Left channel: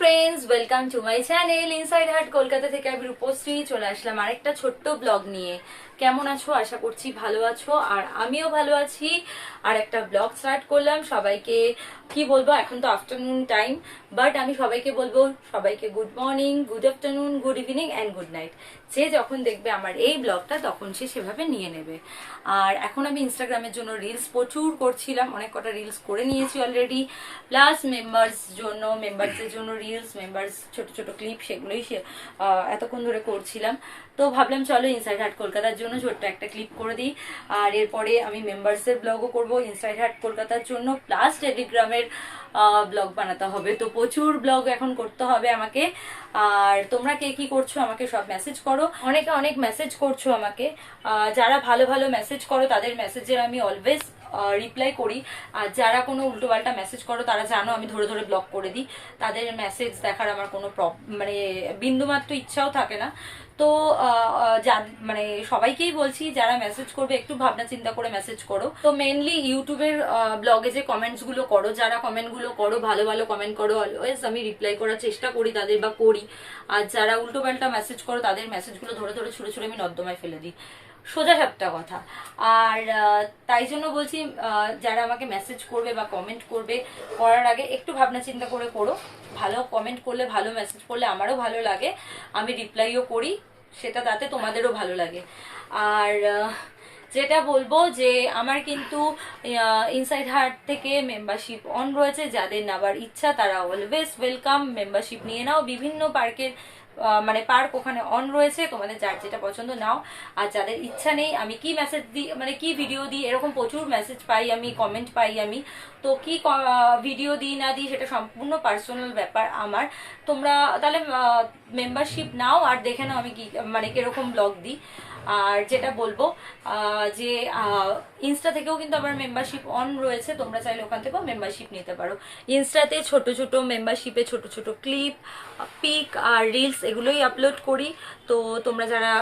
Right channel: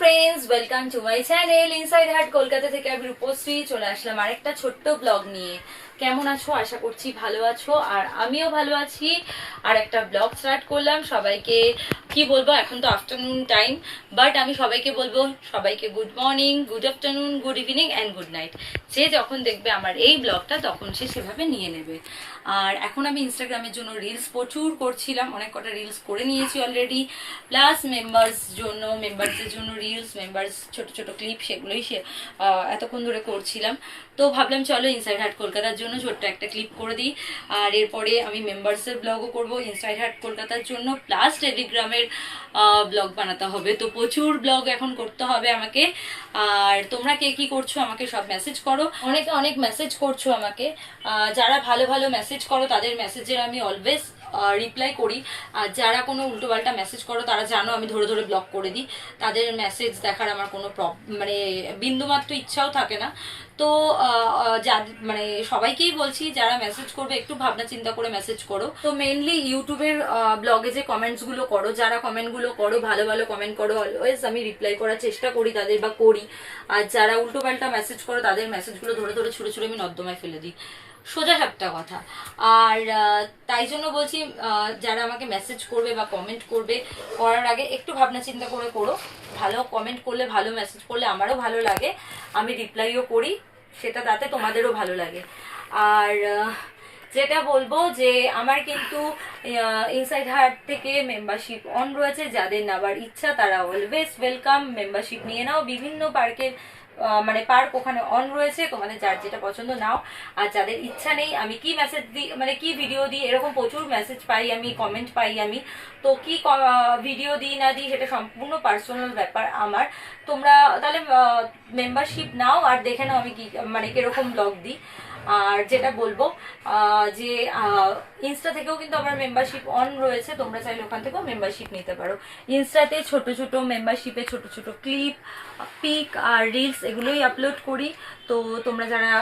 Friends, welcome to my channel inside heart Kolkata থেকে আমি রূপশ্রী চলে আসলাম আরেকটা ছোট্ট ব্লগ নিয়ে। কেমন আছো? আশা করছি ভালো আছো, আর আমিও ভালো আছি। আর একটা ব্লগ স্টার্ট করলাম। সবাইকে কি বলবো, এখন তো আফটারনুন টাইম, বাট আমি সবাইকে বলবো সবাইকে good morning, good afternoon, good evening and good night. যে যখন দেখবে আমার এই ব্লগটা তখন সে সেভাবে নিয়ে নেবে। আর এখন আমি ইনস্টাগ্রামের জন্য রিলস প্রচুর করছিলাম, অনেক কটা রিলস করে নিয়েছি অলরেডি। প্লাস মেম্বারসদের জন্য রিলস, মেম্বার্স ছোট ছোট ক্লিপ, সেগুলোই এতক্ষণ ধরে করছিলাম। তো ভাবলাম চলো ইনসাইড হার্ট কলকাতার জন্য ছোট্ট একটা ক্লিপ করে দিই। আর এরপরে আমি মেম্বার্সের ব্লগও করব ইনসাইড হার্ট কলকাতার জন্য, প্লাস টেলিগ্রামের ব্লগ বানাতে হবে। তো প্রচুর ব্লগ এখন করতে হবে আমাকে। আর তোমরা কে কি করছো আমাকে সব মেসেজ করো, অনেকে অনেক মেসেজ করছো আমাকে। যারা ভালো ভালো মেসেজ করো তাদের মেসেজের আমি অলওয়েজ রিপ্লাই করি। আর যারা কোনো উল্টোপাল্টা মেসেজ করো তারা জানো আমি ধরে ধরে ব্লক করে দিই। তাদের মেসেজ দেখার আমার কোনো মানে বিন্দুমাত্র ইচ্ছাও থাকে না। তো মানে সবাইকেই বলছি যারা মেসেজ করবে একটু ভাবনা চিন্তা করে মেসেজ করো। তো মেইনলি ইউটিউবের ব্লগে যে কমেন্টস গুলো করো, যারা কমেন্ট গুলো করো ভালো ভালো কমেন্ট করো, অলওয়েজ আমি রিপ্লাই করার চেষ্টা করি তাদের, বা করি। আর যারা উল্টোপাল্টা মেসেজ করো তাদের মেসেজগুলো ধরে ধরে ছুঁড়ে ছুঁড়ে আমি নর্দমায় ফেলে দিই, সোজা সাপটা কথা। আর তাই জন্য বলছি যারা আমাকে মেসেজ করবে বা কমেন্ট করবে, করার আগে একটু ভাবনা চিন্তা করে করো। ভালো কমেন্ট করলে, ভালো মেসেজ করলে আমারও ভালো লাগে, আমি রিপ্লাইও করি, সেটা তাতে তোমাদেরও ভালো লাগে। আর যেটা বলবো যে আমার কিন্তু ইনসাইড হার্ট থেকে মেম্বারশিপ অন রয়েছে। যাদের নেবার ইচ্ছা তারা অলওয়েজ ওয়েলকাম, মেম্বারশিপ নিয়ে নাও। বিভিন্ন পার্কের মানে পার্ক ওখানে অন রয়েছে, তোমাদের যার যেটা পছন্দ নাও। আর যাদের ইচ্ছা নেই, আমি কি মেসেজ দিই, মানে কি ভিডিও দিই, এরকম প্রচুর মেসেজ পাই আমি, কমেন্ট পাই আমি। তো কি ভিডিও দিই না দিই সেটা সম্পূর্ণ পার্সোনাল ব্যাপার আমার। তোমরা তাহলে মেম্বারশিপ নাও আর দেখে নাও আমি কি মানে কিরকম ব্লগ দিই। আর যেটা বলবো যে ইনস্টা থেকেও কিন্তু আমার মেম্বারশিপ অন রয়েছে, তোমরা চাইলে ওখান থেকেও মেম্বারশিপ নিতে পারো। ইনস্টাতে ছোট ছোট মেম্বারশিপে ছোট ছোট ক্লিপ, পিক আর রিলস এগুলোই আপলোড করি। তো তোমরা যারা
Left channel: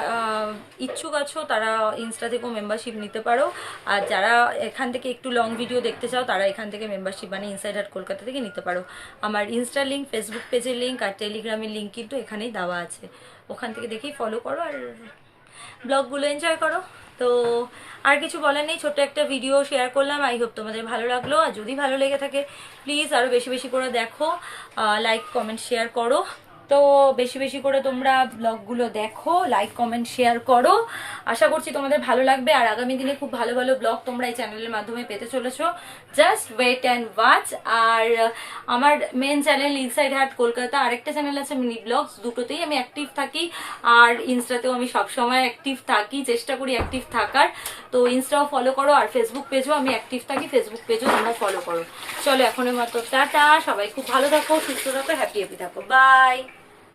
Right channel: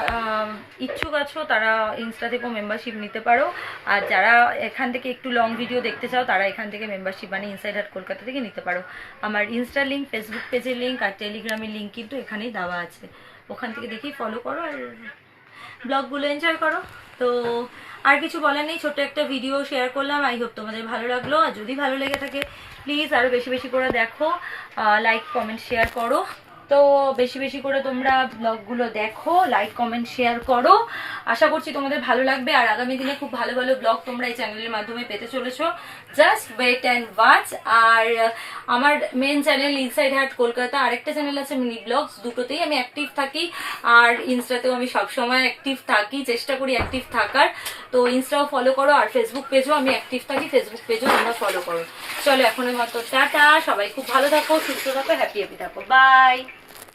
ইচ্ছুক আছো তারা ইনস্টা থেকেও মেম্বারশিপ নিতে পারো। আর যারা এখান থেকে একটু লং ভিডিও দেখতে চাও তারা এখান থেকে মেম্বারশিপ মানে ইনসাইড হার্ট কলকাতা থেকে নিতে পারো। আমার ইনস্টা লিঙ্ক, ফেসবুক পেজের লিঙ্ক আর টেলিগ্রামের লিঙ্ক কিন্তু এখানেই দেওয়া আছে, ওখান থেকে দেখেই ফলো করো আর ব্লগগুলো এনজয় করো। তো আর কিছু বলার নেই, ছোট্ট একটা ভিডিও শেয়ার করলাম। আই হোপ তোমাদের ভালো লাগলো। আর যদি ভালো লেগে থাকে প্লিজ আরও বেশি বেশি করে দেখো, লাইক কমেন্ট শেয়ার করো। তো বেশি বেশি করে তোমরা ব্লগগুলো দেখো, লাইক কমেন্ট শেয়ার করো। আশা করছি তোমাদের ভালো লাগবে। আর আগামী দিনে খুব ভালো ভালো ব্লগ তোমরা এই চ্যানেলের মাধ্যমে পেতে চলেছো, জাস্ট ওয়েট অ্যান্ড ওয়াচ। আর আমার main channel inside heart Kolkata, আরেকটা চ্যানেল আছে মিনি ব্লগস, দুটোতেই আমি অ্যাক্টিভ থাকি। আর ইনস্টাতেও আমি সবসময় অ্যাক্টিভ থাকি, চেষ্টা করি অ্যাক্টিভ থাকার। তো ইনস্টাও ফলো করো, আর ফেসবুক পেজও আমি অ্যাক্টিভ থাকি, ফেসবুক পেজও তোমরা ফলো করো। চলো এখনের মতো টাটা, সবাই খুব ভালো থাকো, সুস্থ থাকো, হ্যাপি হ্যাপি থাকো, বাই।